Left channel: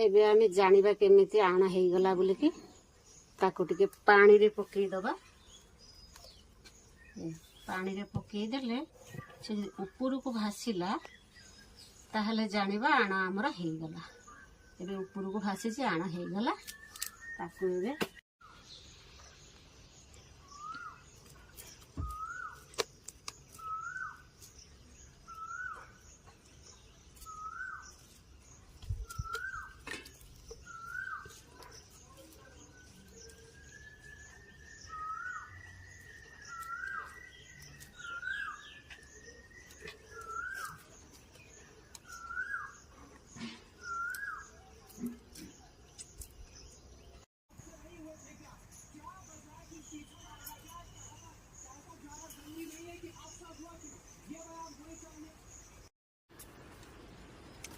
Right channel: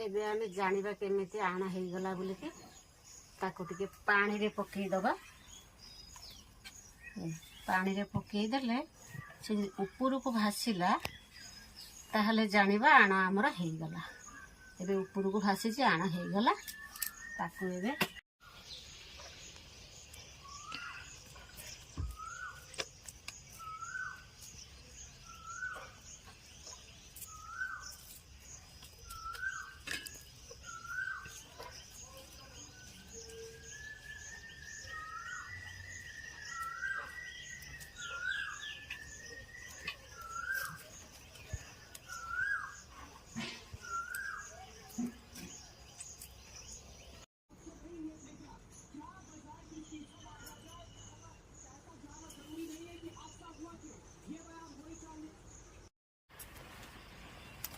एबे आमे जानिबा केमिति आण हे गला बोली कि ताकू टिके पानी रे पकई दबा। पानी रे पकई देले से ऊपर को भासीला ताहले जानिबा आण हमर हे गला। एबे ऊपर को भासी जे आण हे गला ताकू एबे